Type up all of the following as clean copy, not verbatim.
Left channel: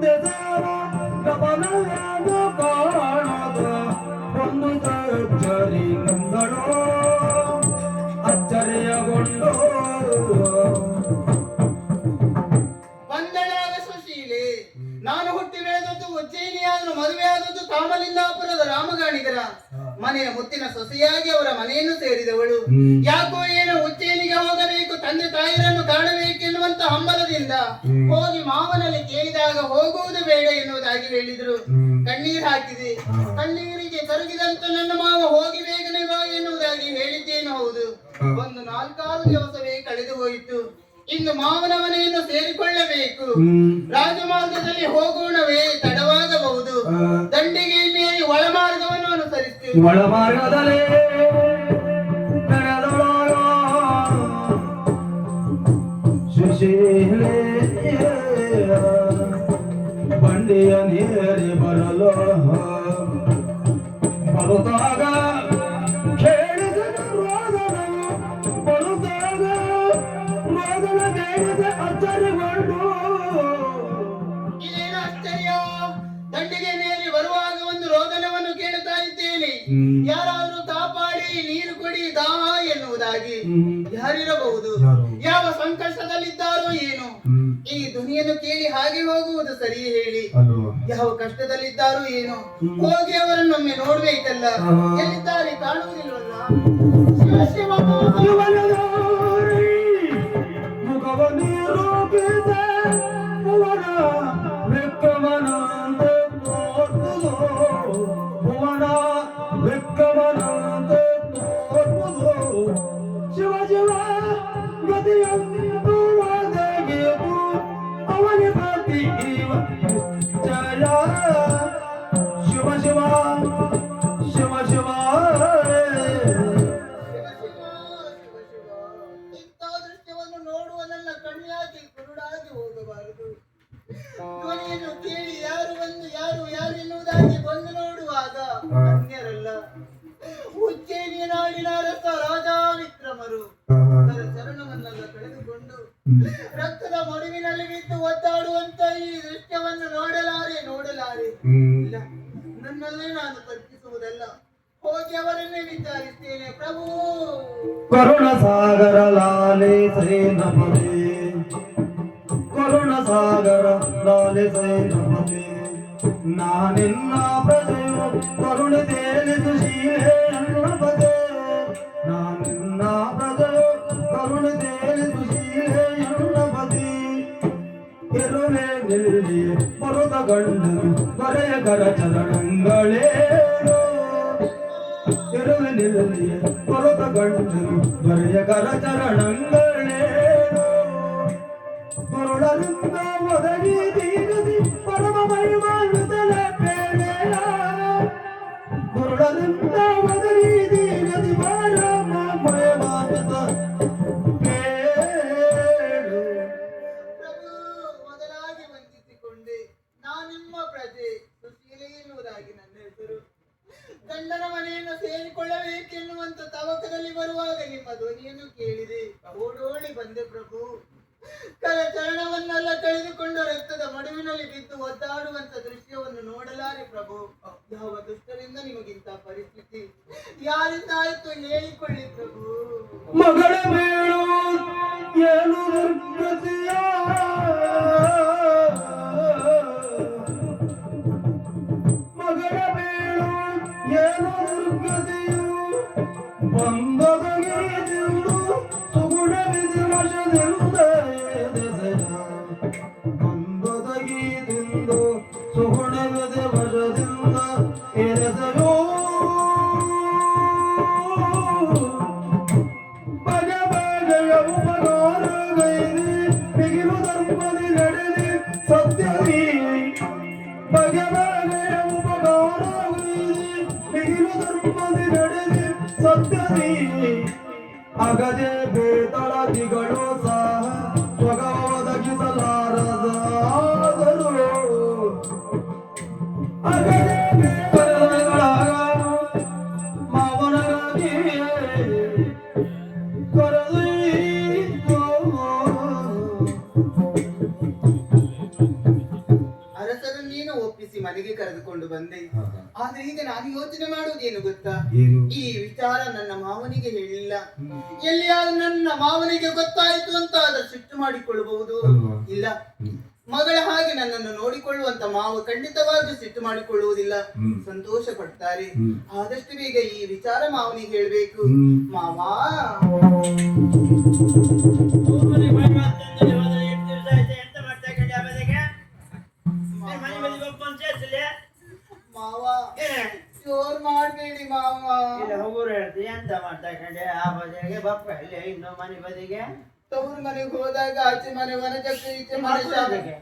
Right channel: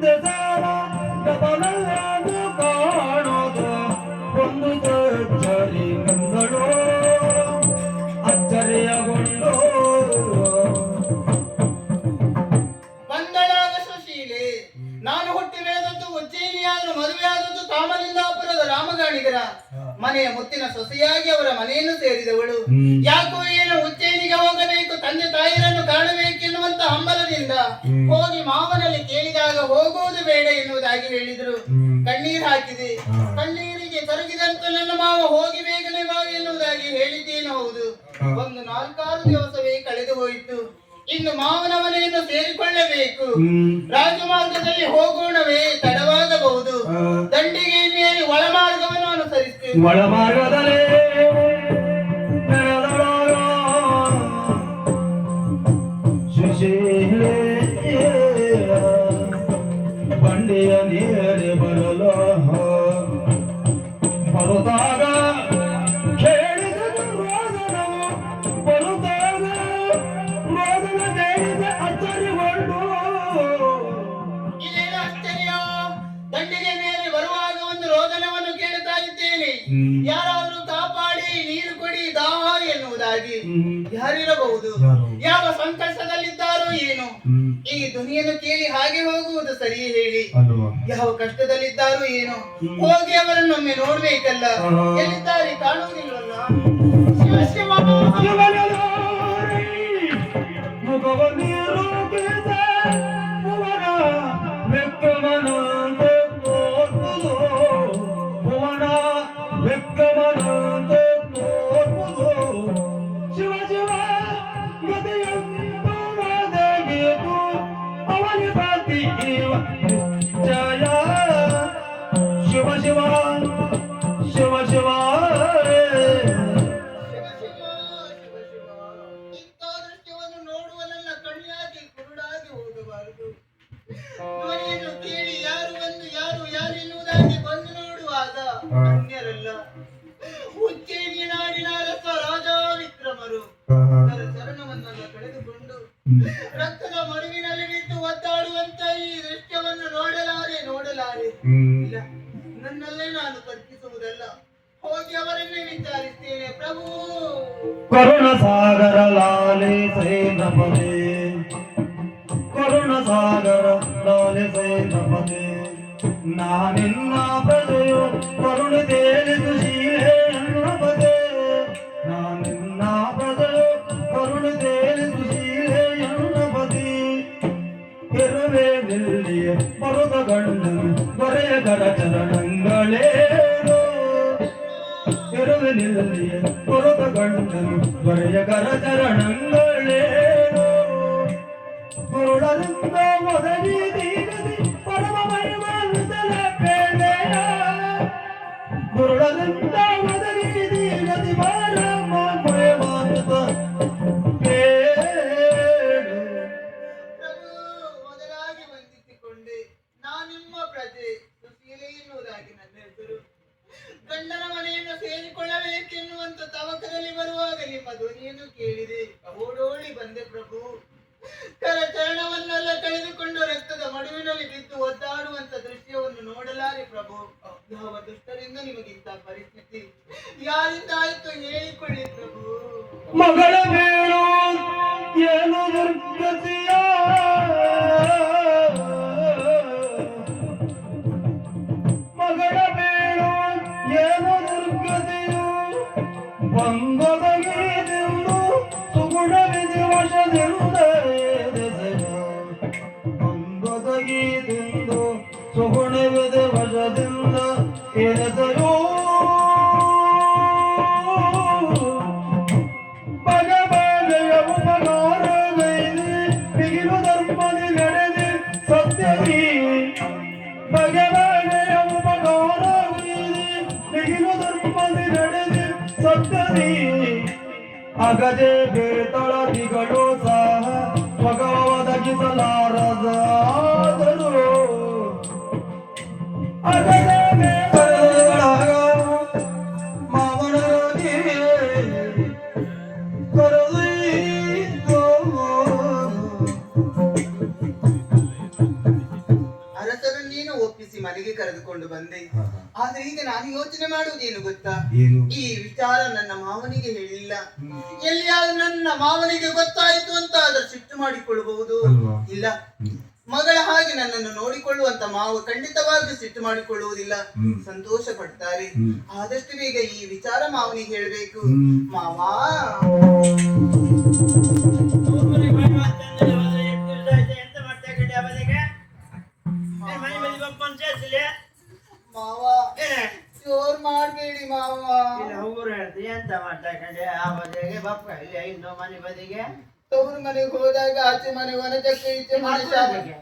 ಮುಂದೆ ಸಾರ ಗಮನವನ್ನು ಕಾಣೋದು ಒಂದು ಅಚ್ಚರಿ ಮುಂದಳು ಅಚ್ಚರಿಯಗೊಂಡು ಬಂದಳಾದ ಸುಶೀಲೆ. ನಾನು ಹುಟ್ಟಿ ಬೆಳೆದದ್ದು ಉಜ್ಜಯಿನಿಯಾದರೂ ಮದುವೆಯಾದದ್ದು ಕಾಮಲಿಂಗಾಪುರದ ರಾಮಗಾಣಿಗರ ಮನೆಯ ಮುತ್ತಿನ ಸೊಸೆಯಾಗಿ ಅವರ ಮನೆಯನ್ನು ಸೇರಿದವಳು. ಯಾಕೋ ಏನೋ ಉಜ್ಜಯಿನಿಗೆ ಹೋಗಬೇಕು, ತಂದೆ ತಾಯಿರನ್ನು ಕಾಣಬೇಕೆನ್ನುವಂತ ಹಂಬಲದಿಂದ ಹೋಗಿ ಮಾವನಲ್ಲಿ ಕೇಳಿದಾಗ ಹೋಗುವುದು ಬೇಡ ಎನ್ನುವುದಾಗಿ ಹೇಳಿದರು. ಕಣ್ಣೀರು ಹಾಕಿದೆ. ಕಣ್ಣೀರಿಗೆ ಕರಗಿದಂತ ನನ್ನ ಮಾವ ಹೋಗಿ ಬೇಗನೆ ಬಾ ಎನ್ನುವುದಾಗಿ ಹೇಳಿದ್ದೇನು ಹೌದು. ಒಂದು 4-6 ದಿವಸವೇ ಕಳೆದು ಹೋಯಿತು. ಇನ್ನು ಮಾವನ ಮನೆಯನ್ನು ಸೇರಿಕೊಳ್ಳಬೇಕು. ರಾಜಮಾರ್ಗದಲ್ಲಿ ಹೋಗೋಣವೇ ತಡವಾಗಬಹುದು. ದಂಡಿಗೆ ಮೇರಿ ಒಳಮಾರ್ಗವನ್ನು ಅನುಸರಿಸುತ್ತೇವೆ. ಒಳಮಾರ್ಗದಲ್ಲಿ ಸುಶೀಲೆ ಬಂಡೆಯ ನೀರೇ ಬರಲು ಬರುತ್ತಾಗ ದಂಡಿಗೆ ಮೇಲೆ ಬರುವಾಗ ಒಂದು ರೋದನವನ್ನು ಕೇಳುತ್ತಾ ಇದ್ದೇನೆ. ಯಾರಾದ್ರೂ ಕಾಪಾಡಿ ನೀರು ಕೊಡಿ ದಾಹ ಎನ್ನುವುದಾಗಿ. ಯಾರಿರಬಹುದು? ಯಾವ ಸಂಕಷ್ಟದಲ್ಲಿದ್ದಾರೋ ಏನು? ಈ ಧ್ವನಿಯನ್ನು ಕೇಳಿ ಹಾಗೆ ಹೋಗುವುದು ಸರಿ ಹೇಳಿ. ಯಾವ ಕಷ್ಟದಲ್ಲಿದ್ದಾರೋ ಏನು? ಹೋಗಿ ಅವರನ್ನೊಮ್ಮೆ ನೋಡ್ಬೇಕಲ್ಲ. ಎಲ್ಲಿದ್ದಾರೆ ಕಾಣುವುದಿಲ್ಲವಲ್ಲ? ಶಿವ ಶಿವ ಶಿವ ಶಿವ ಅವನಿ ಪಾತಿ ಜಯ ಶಿವ ಶಿವ ಶಿವ ಶಿವ ಇಂಥ ದೃಶ್ಯವನ್ನು ನೋಡುವ ನನ್ನ ಕಣ್ಣಿಯಾಗಿ ಕುರುಡಾಗಿ ಹೋಗಬಾರದು. ಧ್ವನಿಯನ್ನು ಕೇಳಿ ಯಾರು ಬಂದು ಯಾರು ಯಾರೆನ್ನುವುದಾಗಿ ಬಂದು ನೋಡುವಾಗ ಅನ್ಯರಲ್ಲ, ಉಜ್ಜಯಿನಿಯ ನಾಡಿನ ಅರಸ ರಾಜ ವಿಕ್ರಮರು. ಚರಣವನ್ನೆಲ್ಲ ಕಳೆದುಕೊಂಡು ರಕ್ತದ ಮಡುವಿನಲ್ಲಿ ಬಿದ್ದು ಒದ್ದಾಡುವಂತ ಈ ದೃಶ್ಯವನ್ನು ನೋಡಲಾರೆ. ಇಲ್ಲ, ನನ್ನಲ್ಲೇ ನಾನು ತರ್ಕಿಸುವುದಲ್ಲ, ಹೋಗಿ ಅವರನ್ನೇ ವಿಚಾರಿಸ್ತೇನೆ. ಪ್ರಭು ಕರುಣ ಸಾಗರ ಲಾಲೆ ಸೇನಪದೆ, ಕರುಣ ಸಾಗರ ಲಾಲೆ ಸೇನಪದೆ, ನಾನಿನ್ನ ಪ್ರಜೆಯು ಕರುಣೆ ತೇಲಿ ಸುಶೀಲೆ ಎನ್ನುವುದೇ. ನಾನಿನ್ನ ಪ್ರಜೆಯು ಕರುಣೆ ತೇಲಿ ಸುಶೀಲೆ ಎನ್ನುವುದೇ. ಇರುವೆ ನಿಲ್ಲಿಯೇ ಬರುದ ಗಂಡನು ದೊರೆಯ ಕರ ಚರಣಗಳೇನು. ಇರುವೆ ನಿಲ್ಲಿಯೇ ಬರುದ ಗಂಡನು ದೊರೆಯ ಕರ ಚರಣಗಳೇನು. ಗುರುಡರಿಂದ ಒದಗಿ ದೀಗದಿ ಪರಮ ಮಹಿಮಾನುತಲ ಬೇಳೆಯ. ಗುರುಡರಿಂದ ಒದಗಿ ದೀಗದಿ ಪರಮ ಮಹಿಮಾನುತ ಬೇಳು. ಪ್ರಭು, ಮೊದಲಾಗಿ ವಂದಿಸಿಕೊಂಡೆ. ನಾನಿಮ್ಮ ಪ್ರಜೆ ಸುಶೀಲೆ ಎನ್ನುವುದಾಗಿ ನನ್ನ ಹೆಸರು. ಗಂಡನ ಮನೆಯನ್ನು ಸೇರಿಕೊಳ್ಳಬೇಕೆನ್ನುವಂತ ತವಕದಲ್ಲಿ ಬರುವಾಗ ನಿಮ್ಮ ಧ್ವನಿಯನ್ನು ಕೇಳಿದೆ. ಓಡೋಡಿ ಬಂದೆ ಪ್ರಭು. ಕರಚರಣವನ್ನೆಲ್ಲ ಕಳೆದುಕೊಂಡು ರಕ್ತದ ಮಡುವಿನಲ್ಲಿ ಬಿದ್ದು ಒದ್ದಾಡುವಂತ ದೃಶ್ಯವನ್ನು ನೋಡಲಾರೆ ಪ್ರಭು. ಯಾವ ದುಷ್ಟರಿಂದ ನಿಮಗಿಂತ ಪರಿಸ್ಥಿತಿ? ಯಾರಿಂದ ಆಯ್ತು ಹೇಳಿಕೊಳ್ಳಿ ಪ್ರಭು. ಮಗಳ ಬೇಳು ಏನು ದುರ್ಗತಿಯ, ಮಗಳ ಬೇಳು ಏನು ದುರ್ಗತಿಯು. ಬಂದೊದಗಿದೆಂದು ಸುಗುಣವಿಧಿ ವಶದಿಂದ ಬಂದೊದಗಿದೆಂದು ಸುಗುಣವಿಧಿ ವಶದಿಂದ ಎರೆಸಲು. ಬಗೆ ಬಗೆಯ ಉಪಕಾರಗೈದಿ ಬಿಗಿಲು ಧರ್ಮದಿ ನಡೆದಿ ಸತ್ಯದಿ. ಬಗೆ ಬಗೆಯ ಉಪಕಾರಗೈದಿ ಬಿಗಿಲು ಧರ್ಮದಿ ನಡೆದಿ ಸತ್ಯದಿ. ಅಗಜೆ ಬೇತಳದಿಗಳು ಸಹ ಸ್ವಗವ ಒದಗಿಸಲಾರದಾದರು. ಅಗಜೆ ಬೇತಳದಿಗಳಾಗ ಮಾವನಗಿ ಅರಸ ಹೇಳಿಕೊಂಡು ಬಂದೆ. ಹಾ, ಹಾ. ಆದ್ರೆ ಈಗ ನಾನು ಯೋಚನೆ ಮಾಡುವುದೇನು ಗೊತ್ತಾ, ಏನು? ಈ ವಿಚಾರ ನನ್ನ ಮಾವನಿಗೆ ಹೇಳಿಲ್ಲ. ಎಲ್ಲಿಯಾದ್ರೂ ನನ್ನ ಮಾವನಿಗೆ ಗೊತ್ತಾಯ್ತು ಅಂತ ಆದ್ರೆ ಸಿಟ್ಟು ಮಾಡಿಕೊಳ್ಳಬಹುದು. ಅಲ್ವಾ? ಇಲ್ಲ, ಮಗಳ ಹಾಗೆ ನನ್ನನ್ನು ನೋಡಿಕೊಳ್ಳುವಂತ ಮಾವ ಖಂಡಿತವಾಗಿ ಸಿಟ್ಟು ಮಾಡಿಕೊಳ್ಳುವುದಿಲ್ಲ, ಸಂತೋಷ ಪಡ್ತಾರೆ. ಆದಷ್ಟು ಬೇಗ ಈ ವಿಚಾರ ಮಾವನಿಗೆ ಹೇಳ್ಬೇಕು. ಮಾವ ಮಾವ ಜೋರ್ ಮಾಡ್ಬೇಡಿ ಮಾವ. ಎಂತ ಮಾತಾಡ್ಕೊಂಡೆ ಆ ಬದಿಗೆ ಬಪ್ಪ ಇಲ್ಲಿ ಇನ್ನು ಮನೆ ಬದಿಗೆ ತವ್ರ ಮನೆಗೆ ಹೋದಾಗ ಆಚೆ ಮನೆ ವನಜಕ್ಕೆ ಈಚೆ ಮನೆ ಶಾಲೆಗೆ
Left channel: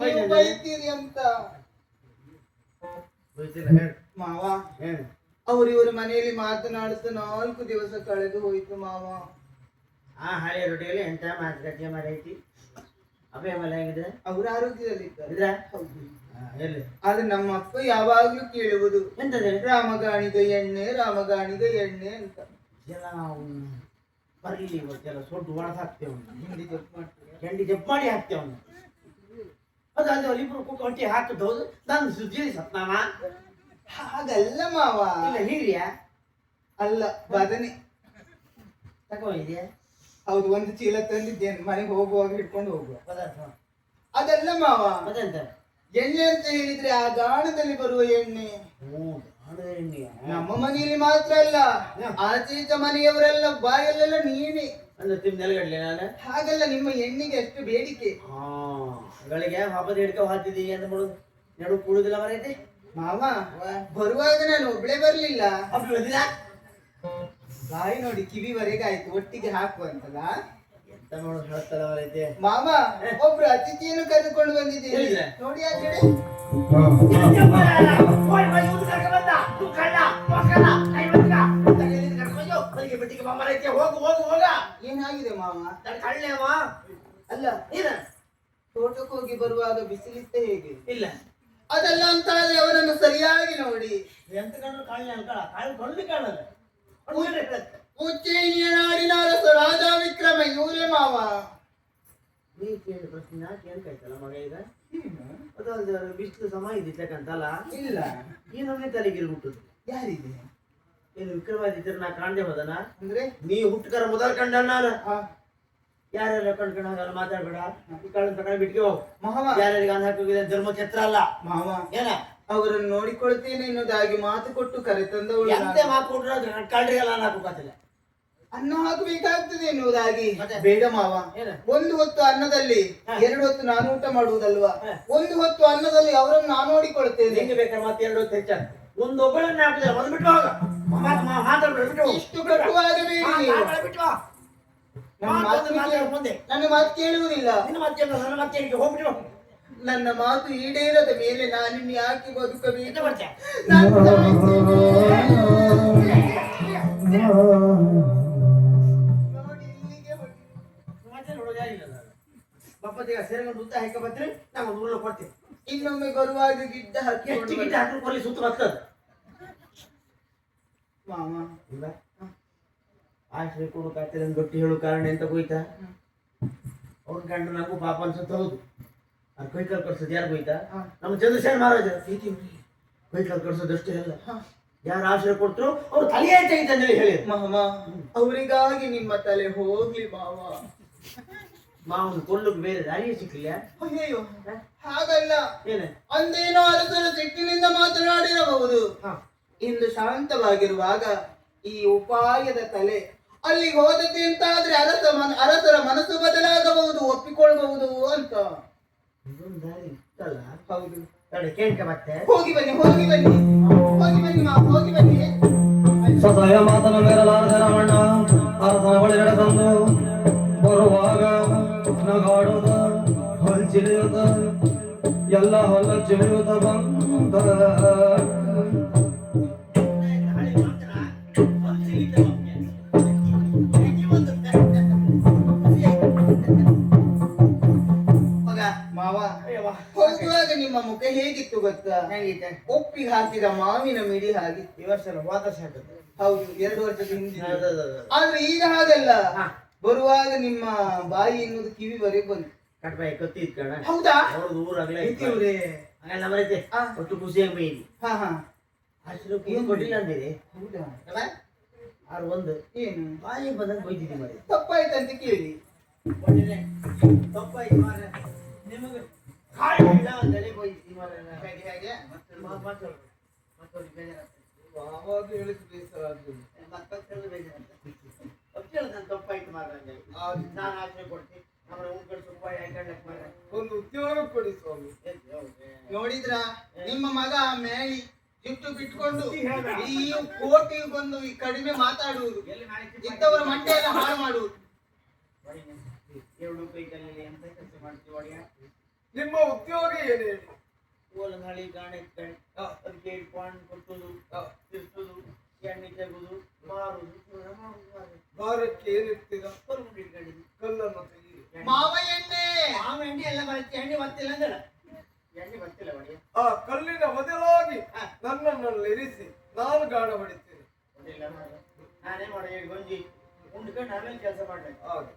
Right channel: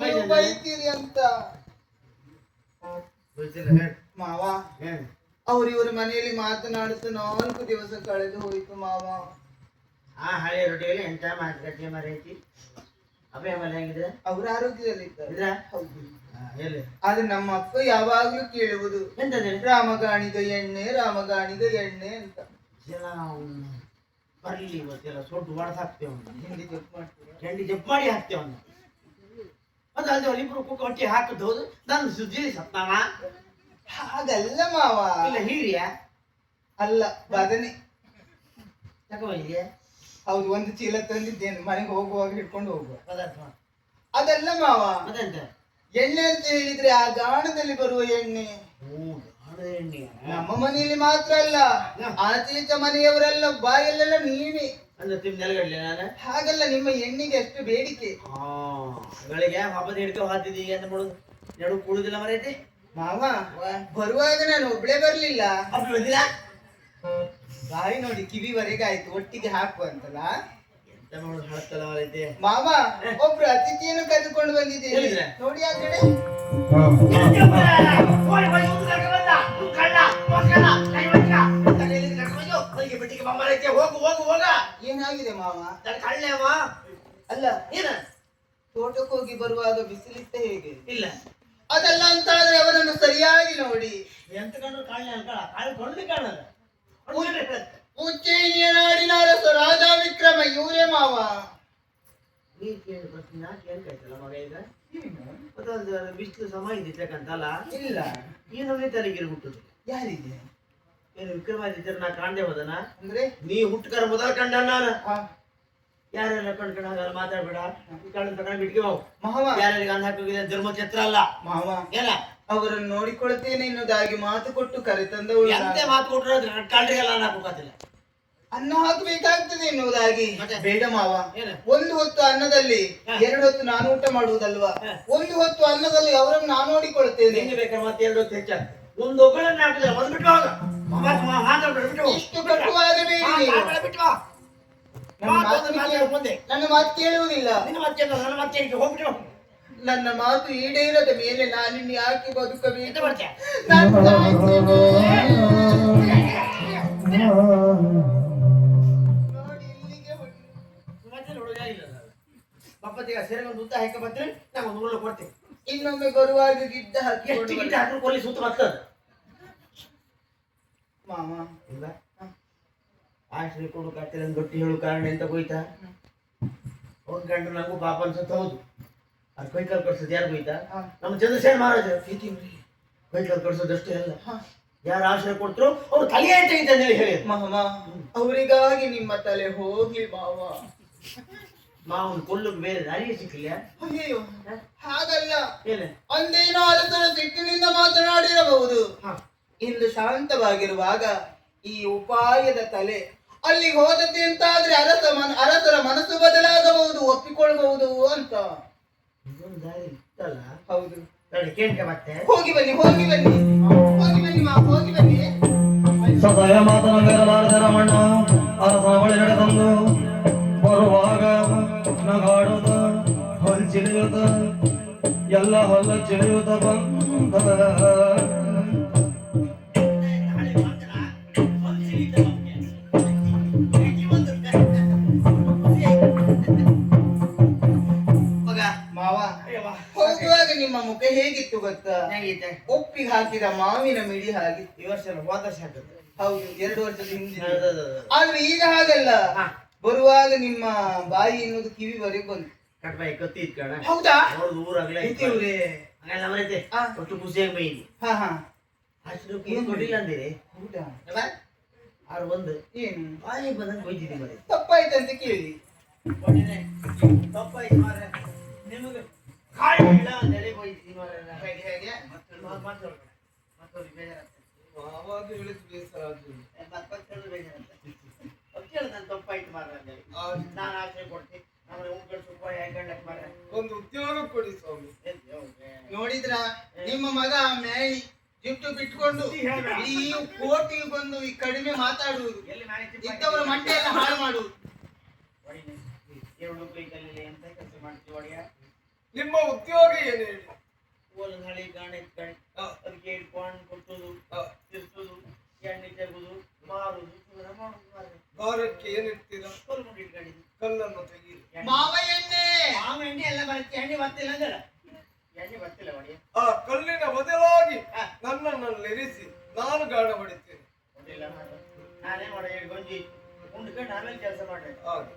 ನೀವು ಬೈತೀರಿ ಅಂತ ಮಾವ. ಅವ್ರಿವ್ರ ಮನೆಯಲ್ಲಿ ಮಾತನಾಡುತ್ತ 4 ದಿವಸ ಕಳೆದು ಹೋಯ್ತು ಮಾವ. ಆ ಹಳೆ ರೊಟ್ಟಿಯಲ್ಲಿ ಎಂತ ಮಾತುಕತೆ ಮರೈತಿ ಅಭಯ ಮಲಾಗಿದೆ ಅವ್ರ ಆರೋಗ್ಯದಲ್ಲಿದ್ದಾರೆ. ಇಲ್ಲ ಹೌದು. ಎಲ್ಲಿ ಆದ್ರೆ ನಮ್ಮ ಅಕ್ಕ ಯಾವಾಗ್ಲೂ ಕೇಳುವುದು ಎಂತದೆ ರಾಮಗಾಣಿಗ ಎಣ್ಣೆ ರಾಮಗಾಣಿಗ ಎಣ್ಣೆ ಅಂತ. ಜನ ಬರ್ಲಿ ಇವತ್ತೆಲ್ಲ ಸೊಡ್ಡು ಒಳಗೆ ಹಾಕ್ತೇವೆ, ಹಿಂದಿ ಜಪ್ ಮಾಡ್ತಾರೆ. ಚಂಡಿ ಜಪ್ ಮಾಡಿ ಹಾಕ್ತೇವೆ. ಅದು ಅಲ್ಲಿ ಇಬ್ರು ಕುಕ್ಕ ಹೊಟ್ಟಿ ಹಾಕಿದ್ದು ಹೌದು. ನನ್ನ ಸುದ್ದಿ ಸತ್ನಾಮ ಹಾಗಲ್ಲ ಮಾವ. ಇಲ್ಲ ಹೀರಿಯ ಅಲ್ಲ ಬದನೆ ತಗೊಂಡಿದ್ಯಾ? ಹೌದು, ಒಂದು ಚೀಲ ತಂದಿದ್ದೇನೆ, ಮನೆಗೆ ಹೋಗುವಾಗ ಹಿಡ್ಕೊಂಡು ಹೋಗುವ. ಪದಾರ್ಥ ಅದಲ್ಲ ಮಾವ, ಅದೆಂತ ಎಣ್ಣೆ ಅಂತ ಹೇಳಿದ್ರೆ ಆ ಗಾಣದಲ್ಲಿ ಬರುವ ಎಣ್ಣೆ. ಎಣ್ಣೆಯ ನಮ್ಮ ಮನೆಯಲ್ಲಿ ಮಾತ್ರ ಅಲ್ಲ, ಆಚೆ ಈಚೆ ಮನೆಯವರೆಲ್ಲ ಬಾಯಲ್ಲೆಲ್ಲ ನೀವೇ. ಅಂದ್ರೆ ತಿಂದು ನೆಲಗಡ್ಲೆ ನಾನು ಹಾಗಲ್ಲ, ನಿಮ್ಮ ಎಣ್ಣೆಗೆ ಅಷ್ಟು ಬೇಡಿಕೆ. ಗಳಿಗೆ ಹಬ್ಬದ ಹಿಡ್ಕೊ ಹಾತಿದ್ದೀವಿ ಅಂತ ಮಾಡೋದು ನಡು ಕುಡುದಿಲ್ಲ ಮರೈತಿ ಮಾವ. ಬರುವಾಗ ನಾನು ಒಬ್ಳೆ ಬರ್ಲಿಲ್ಲ, ಅದು ಬಂದಿಲ್ಲ. ಬಾಯಿ ನೋಡಿ ಕಿವಿವರೆಗೆ ಆಯ್ತು, ಒಟ್ಟಿಗೆ ಹಾಕುವಂತಲ್ಲ. ಎಂತ ಮಾಡೋದು ಹಳತ್ತಲ್ಲ ಮರೈತಿ ಮಾವ, ಒಬ್ರು ಅತಿಥಿಯನ್ನು ಕರೆದುಕೊಂಡು ಬಂದಿದ್ದೇನೆ ಎಲ್ಲಿದ್ರೆ? ನೋಡಿ ಆ ಕಡೆ. ಹೋಗು ಹೋಗು ಹೋಗ. ಏನಾಗಿದೆ ಮಾವ? ಕಳ್ಳೆವ ಅಲ್ಲ, ಏನ ತೋಟಕ್ಕೆ ಹೋಗಿ ಬರುವಾಗ ಬಿಸಿಲಿತ್ತ ಹೇಗೆ? ಇಲ್ಲ ಅದಲ್ಲ ಅಂತ ಆದ್ರೆ ಅವರನ್ನು ಸರಿಯಾಗಿ ನೋಡಿ. ಎಂತ ಕಂಡ್ರು ಕಳ್ಳೆ ಅನ್ಕಳ ಕಳ್ಳೆ ಕೊಂಡು ಕಾಣಲ್ಲ. ಉಜ್ಜಯಿನಿಯ ನಾಡಿನ ಅರಸ ರಾಜ ವಿಕ್ರಮ ಇವರೇ ಮಾವ. ನೀ ಕೇಳಿ ಪ್ರಶ್ನೆ ಯಾಕೆ ಏನ್ ಕಾಯ್ತಲ್ಲ ಮಗ ಈಗ? ಅದು ಬಿಸಿಲು ಸಮಯ ಇದ್ದಿರ್ತಕ್ಕಂತಲ್ಲ. ಇಲ್ಲ, ಏನು ನೀ ತಲೆಗಿರಿ ಹುಟ್ಟುದಿಲ್ಲ. ಯಾರಿಗೆ? ಏನು ವಿಕ್ರಮಾದಿತ್ಯರು ನಾ ಕಾಣ್ದೆ ಹೋದನ? ಅಂದ್ರೆ ನೀ ಹುಟ್ಟುಕರ ಮೊದಲ ಕಂಡ ನಾನು. ಹಾ, ಯಾರ್ಯಾರ ಕಣ್ಕೊಂಡು ಹಾಗಲ್ಲ ಮಾತಾಡ್ಬೇಡ. ಈ ಕಳ್ಳ ತಗೊಂಡು ಬಿಟ್ಗೆ ಹೋಗು. ಮಾವ. ಯಾರ್ಯಾರಿಗೆ ಅನ್ನ ಹಾಕೋಗಿದೆ ಧರ್ಮಛತ್ರ ಅಲ್ಲ ಮಾವ, ಏನ ಅವರನ್ನು ನೋಡಿಕೊಳ್ತೇನೆ ಎನ್ನುವುದಾಗಿ ಮಾತು ಕೊಟ್ಟು ಕರೆ ತಂದವಳು. ಎಂತೆ ಮಾತು ಕೊಟ್ಟರು ಕಳ್ಳಿಗೆಲ್ಲ ಅನ್ನ ಹಾಕೋಕಾತಿಲ್ಲ. ಅನ್ನ ಹಾಕಬೇಕಾಗ್ತದೆ ಎನ್ನುವುದಾಗಿ. ಮತ್ತೆ? ಬೇಡ ಮಾವ, ಏನು? ಒಂದು ಹೊತ್ತು ಅನ್ನದಲ್ಲಿ 2 ಹೊತ್ತು ನಾನು ಊಟ ಮಾಡುವುದಲ್ವಾ? ಒಂದು ಹೊತ್ತು ಅನ್ನದಲ್ಲಿ ಅವರನ್ನು ನಾನು ನೋಡಿಕೊಳ್ತೇನೆ. ನಿಂಗೆ ಬೇಕಾದ್ರೆ ಮತ್ತೆ 2 ಹೊತ್ತು ಹೆಚ್ಚಾಗ ಒಂದು ಒಬ್ಬಳನ್ನ ಹಾಕಿದ್ರೆ ಒಂದು ಬಿಟ್ಟು ಹೋಗ. ಮಾತಾಡ್ಬೇಡ ಬಿಟ್ಟು ಹೋಗು. ಇಷ್ಟು ಕಟ್ಟುವಾಗಬೇಡಿ ನೀವು. ಬಿಟ್ಟು ಬಾ. ಮುಂದೆ ನನ್ನ ಮಾತು ಕೇಳುವುದಿಲ್ಲ. ನಿನ್ನ ಮತ್ತೆ ನನ್ನ ಮತ್ತೆ ಹೋಗ್ಬಿಟ್ಟು ಹೋಗು. ನನ್ನ ಮಾತು ಈಡೇರದ ಮೇಲೆ ನಾನಿನ್ನು ಯಾಕೆ ಎಂತ ಬದುಕಬೇಕು? ಮಾಡ್ತೀಯ? ನಾನು ಸಾಯ್ತೇನೆ. ನೋಡಿ, ಇಲ್ಲಿಗೆ ಹೊರಟು. ಮತ್ತೆ ಹುಡುಗ ಇಲ್ಲ ಬಪ್ಪತ್ತಿಗ ಸರಿ ಒಂದು ಉದ್ದ ಹಾಕಿ ಬರ್ತೀನಿ, ನಾನು ಒಂದು ಉಳ್ಳ ಕೊಡ್ತೀನಿ. ಇನ್ನೊಮ್ಮೆ ಬರುವಾಗ ಗಿಡ್ಡ ಹಾಕಿ ಎಷ್ಟು ಗಿಟ್ಟ ಹಾಕಿ ಕೊಲ್ಲಿ ಸುತ್ತ ಬರ್ತದೆ ಮಾಮ. ಇಲ್ಲ ಆಶ್ರಯ ಕೊಡು ಕಾಡ್ತಾರೆ ಗೊತ್ತಿ ಹೇಳು ಕಾರಣ ಎಂತ ಹೋಯ್ತಾ? ಅವ್ರ ಗಂಡು ನನಗೂ ಪಾಪ ಅನ್ಸುತ್ತ. ಹೌದು, ಅದು ಕೈಕಾಲು ಕಳ್ಸೋದು ಯಾರು ಹೋಯ್ತಾ? ನಮ್ಮ ಚಂದ್ರಶೇಖರ ಮಹಾರಾಜ ಕೈಕಾಲು ಕಳ್ಸೋದಷ್ಟೇ ಅಲ್ಲ, ಯಾರು ಆಶ್ರಯ ಕೊಟ್ಟರು ಅವ್ರು ತಲೆಯೇ ತೆಗಿತ ಹೇಳಿ ಮಾಮ, ಅವರಿಗಾಗಿ ನಿಮ್ಮ ತಲೆ ಹೋಗ್ಲಿ ಮಾವ. ಮಾವನ್ ಕೊಲ್ಲಕ್ಕೆ ಬೇರೆ ದಾರಿಯೇ ಸಿಕ್ಕಿಲ್ಲ. ಅಯ್ಯೋ, ಹಾಗಲ್ಲ. ಏನೇ ಅಂದೇನೋ ಅರಸರ ಸಿಟ್ಟಿನಿಂದ ಮಾತನಾಡಿರಬಹುದು. ಇಂದು ಶಾಂತವಾಗಿರುವಾಗ ಈ ಉಪಾಯದ ತಲೆ ಅಲ್ಲಿಗೆ ಹೋದತೆ ಅಂತಾದ್ರೆ ಅರಸರ ಮನಸ್ಸು ಬದಲಾಗಬಹುದು, ಒಪ್ಪಿಕೊಳ್ಳಬಹುದು ಅಂತ. ಇದೊಂದು ದಾರಿ ಇತ್ತಲ್ಲ. ಹೌದು, ಕೇಳ್ಕ ಮತ್ತೆ ಹೋಗಿ ಬನ್ನಿ, ಹೋಗಿ ಬನ್ನಿ, ಹೋಗಿ ಬನ್ನಿ ಮಾವ, ಹೋಗಿ ಬನ್ನಿ. ಸದಯ ಮಾತನ ಮೇರಲಾರದ ರಮಣ್ಣ ಅರಸನ ಬಳಿ ನಡೆದಂದು ಬರುವಾಗ ನಗಾಡುತ್ತ ಹೊಲ್ಚಿಲಿಯುತ್ತ ಎಲ್ಲ ಹೊಲ್ಲ ಚಿಲಿಯುತ್ತ ಬಂದ. ಮಾವ, ಹೋಗುವಾಗ ನಿಮ್ಮ ಮುಖ ಹೇಗಿತ್ತು ಗೊತ್ತಾ? ಒಪ್ಪಿಗೆ ಹಾಕಿದ ಮಾವಿನ ಮಿಡಿ ಹಾಗಿತ್ತು. ಈ ವರ್ಷ ಹೋದ ವರ್ಷ ಆಗ್ತದೆ. ಹೌದು, 2 ವರ್ಷದ ಹಿಂದೆ. ಆದ್ರೆ ಈಗ ಹಾಗಲ್ಲ. ಬರುವಾಗ ನಿಮ್ಮ ಬಾಯಿ ಎನ್ನುವುದು ಕಿವಿವರೆಗೆ ಬಂತು. ಕಟ್ಬಾಯಿ ಕತ್ತಿ ಇಟ್ಕಣ. ಹೌದಾ? ಅವ್ರದ್ದು ಊರಾಗ್ಲೇ ಇವ್ರೇ ಹಾಗೆಲ್ಲ ಮರೈತೆ ಆ. ಒಟ್ಟು ಖುಷಿಯಾಗಿ ಬೈಲಿ ಹಾ ಹಾ ಅಷ್ಟು ಏನು ಕೊಟ್ಟಿಲ್ಲ ಅಂದಿರಿ ಹೌದಾ ಅಲ್ಲ ಆರು ಒಂದು ಏನು ಬಾಯಿ ಬಂದಂಗೆ ಬೈದಿದ್ದಿ ಮರೆ ತಪ್ಪಾಯ್ತಂತ ಕೇಳಿ ಒಳ್ಳೆ ತಪ್ಪಾಯ್ತು ಮಾರ್ರೆ. ನಿಮಗೆ ಕಾಯಿ ಇಲ್ಲ ಅಂತೇಳಿ ಬೈದಿದ್ದಿ ಮಾರ್ರೆ. ಹೇಗೆ ಹೇಗೆ ಮತ್ತೊಂದು ಬೇಜಾರಾಗ್ತದೆ. ಆವಾಗ ಹೇಳಿದ್ದು ಬೇಸರ ಆಗ್ಲಿಲ್ಲ. ಮತ್ತೊಂದು ಬೇಜಾರಾಗ್ತದೆ. ಕೇಳಿದ ನಾನು ತಪ್ಪಾಯ್ತು ಮಾರ್ರೆ ಅಂತೇಳಿ ನಾನು ಆಶ್ರಯ ಕೊಡ್ತೀನಿ ನಮ್ಮ ಉಂಟು ರೂಪಾಯಿ ಹಾಕೊಂಡಕ್ಕೆ ಮಾರ್ರೆ. ಒಂದು ಉದ್ಯೋಗ ಕೊಡಿ ಸ್ವಾಮಿ. ನೋಡಿದ್ರ ನಿಮ್ಮ ಮಗ ಮೇಳಿ ಜಿಟ್ಟು ಬಿಟ್ಕೊಂಡು ಈ ಕೋಟಿಗೆ ಬಂದು ಈ ಕಡಿಮೆ ಮಾತಾಡುವುದು ಎಲ್ಲಿ ಮ್ಯಾನೇಜ್ ಇದ್ದವರ ಮಂಡೆ ಎಲ್ಲ ಹಾಳು ಮಾಡುವುದು. ಎರಡು ಕೈದಲ್ಲಿ ಎಂತ ಕೆಲಸ ಮಾಡ್ತೀವಿ ಒಡೆಯ ನಿಮ್ಮ ಉದ್ಯೋಗ ಏನು ಹೇಳಿ? ಓಲನ್ ಹಳಿ ಗಾಣೆ ಅದಕ್ಕೆ ಹಿಡ್ಕೊಂಡು ಕೊಟ್ಟುದು ತಿರ್ಸುದು ಎಣ್ಣೆ ತೆಗುದು ಮಾರುದು ಭಾರಕ್ಕೆ ಏನಿರ್ತೀರ? ಕಲ್ಕೊಂಡು ಇಟ್ಕೊಂಡಿದ್ದು ಕಲ್ಲನ್ನು ತೆಗೀರಿ. ಮಾವ ಎಣ್ಣೆ ಮಾವ ಎಣ್ಣೆ ಎಲ್ಲ ಬರುತ್ತೆ ಎಣ್ಣೆ ಬರ್ತಿಲ್ಲ ಅಂದ್ರೆ ಎಣ್ಣೆ ಬರ್ತಿಲ್ಲ ಒಡೆಯ ಆ ಕಲ್ಲಿನ ಬದಲಾಗಿ ನನ್ನನ್ನು ಇರಿಸಿ ನಾನು ಗಾಣ ಹೊಡಿತೇನೆ. ಹೊಡಿಲ್ಲ ಮಾರ್ರೆ. ನಾನೇ ಮಾಡಿ ಗಂಜಿ ಉಂಡ್ಕೊಂಡು ಆಮೇಲೆ ಕೆಲಸ ಮಾಡ್ತೇನೆ ಹಾಗೆ